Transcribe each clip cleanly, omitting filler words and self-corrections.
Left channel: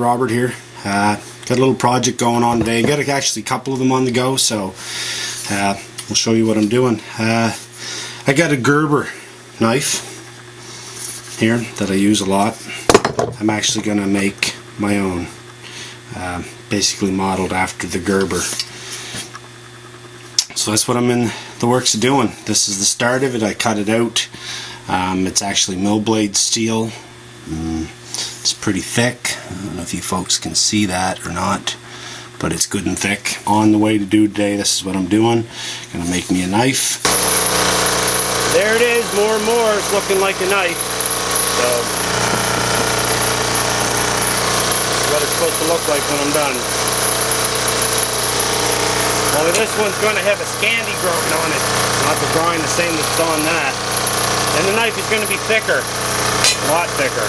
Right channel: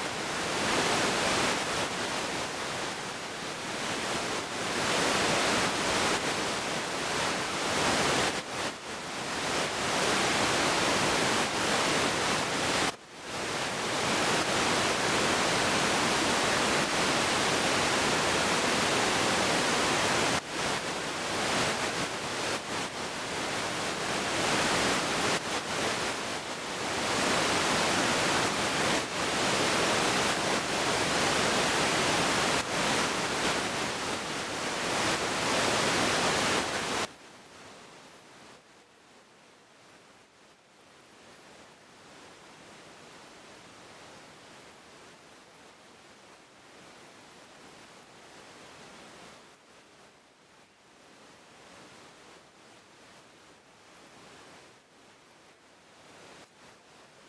Robert here. Got a little project going on today. Got actually a couple of them on the go, so I'll show you what I'm doing. I got a Gerber knife here that I use a lot. I'm actually going to make my own, basically modeled after the Gerber. So that's what I'm in the works of doing. This is the start of it. I cut it out. It's actually no blade steel. It's pretty thick. I don't know if you folks can see that or not, but it's good and thick. On the way to do today, this is what I'm doing. I'm going to make me a knife. There it is, more and more. It's looking like a knife. So, this is what it's supposed to look like when I'm done. Only this one's going to have a Scandi growing on it. Not the drawing the same that's on that. And the knife is going to be thicker. A lot thicker.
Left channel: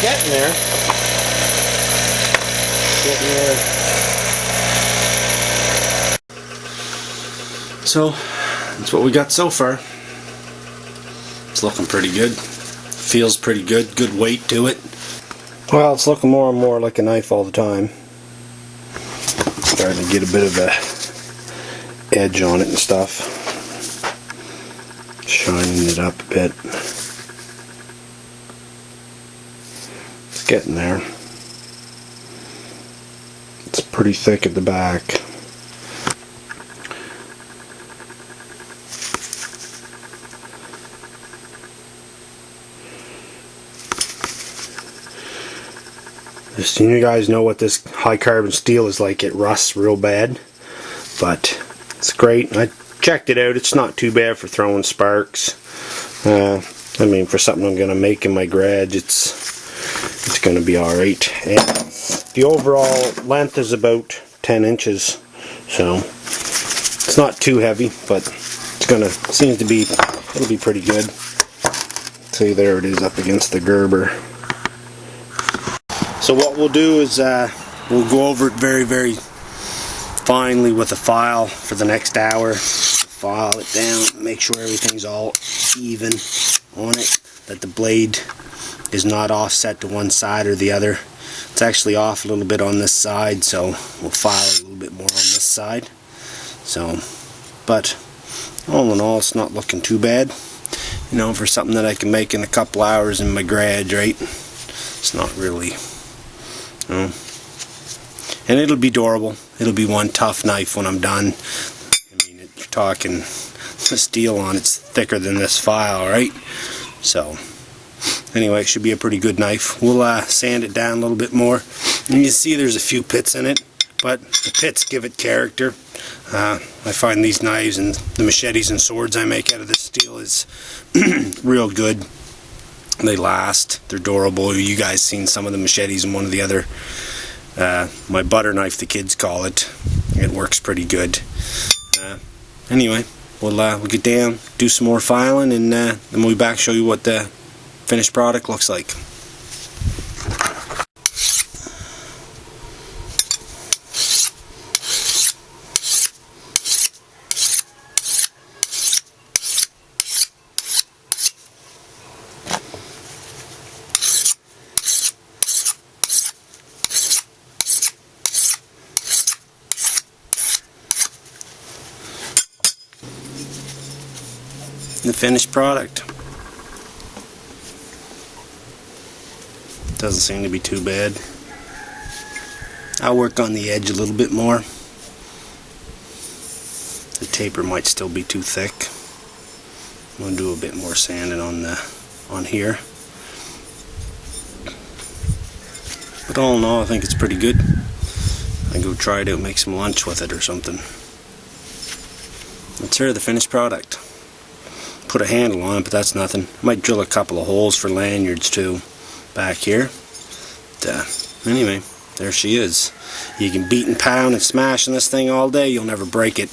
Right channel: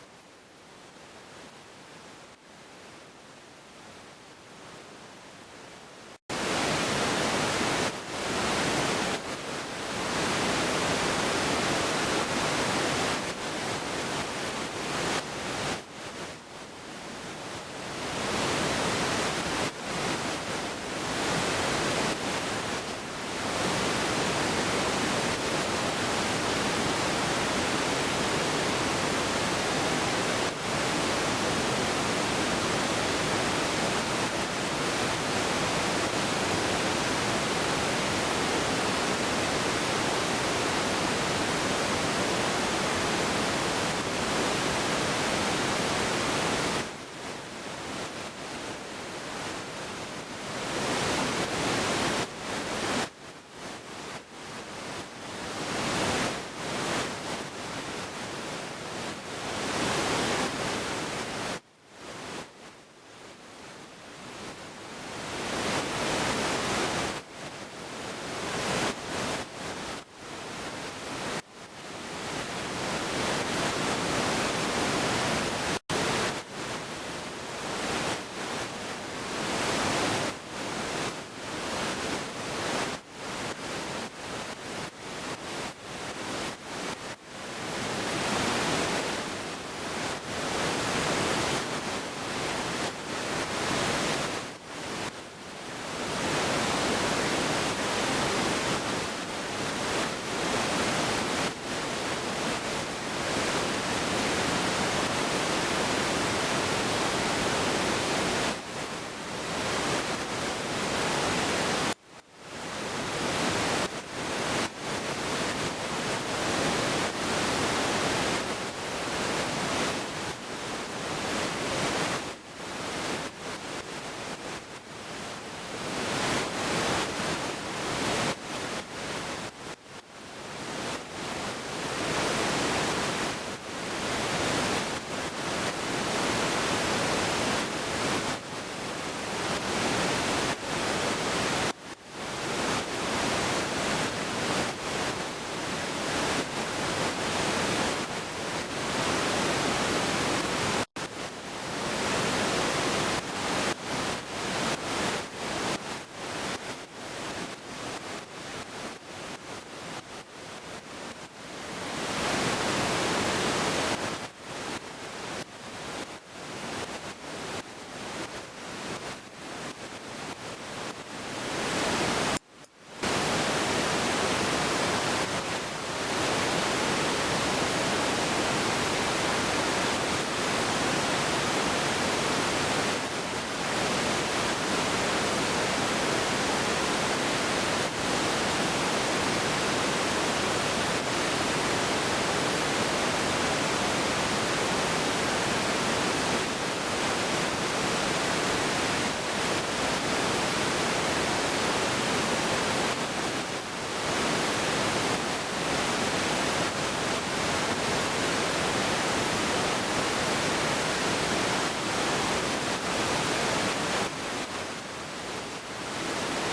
Getting there. Getting there. So, that's what we got so far. It's looking pretty good. Feels pretty good. Good weight to it. Well, it's looking more and more like a knife all the time. Starting to get a bit of a edge on it and stuff. Shining it up a bit. Getting there. It's pretty thick at the back. Just so you guys know what this high carbon steel is like, it rusts real bad, but it's great. I checked it out. It's not too bad for throwing sparks. I mean, for something I'm going to make in my garage, it's going to be alright. And the overall length is about 10 inches, so it's not too heavy, but it's gonna, seems to be, it'll be pretty good. See, there it is up against the Gerber. So what we'll do is we'll go over it very, very finely with a file for the next hour. File it down, make sure everything's all even on it, that the blade is not offset to one side or the other. It's actually off a little bit on this side, so we'll file a little bit more on this side. So, but all in all, it's not looking too bad. You know, for something that I can make in a couple hours in my garage, right? It's not really, you know. And it'll be durable. It'll be one tough knife when I'm done. I mean, you're talking the steel on it's thicker than this file, right? So anyway, it should be a pretty good knife. We'll sand it down a little bit more. And you see there's a few pits in it, but the pits give it character. I find these knives and the machetes and swords I make out of this steel is real good. They last. They're durable. You guys seen some of the machetes and one of the other. My butter knife, the kids call it. It works pretty good. Anyway, we'll get down, do some more filing, and we'll be back, show you what the finished product looks like. The finished product. Doesn't seem to be too bad. I'll work on the edge a little bit more. The taper might still be too thick. We'll do a bit more sanding on here. But all in all, I think it's pretty good. Maybe we'll try it out, make some lunch with it or something. It's here, the finished product. Put a handle on it, but that's nothing. Might drill a couple of holes for lanyards too back here. But, anyway, there she is. You can beat and pound and smash on this thing all day, you'll never break it.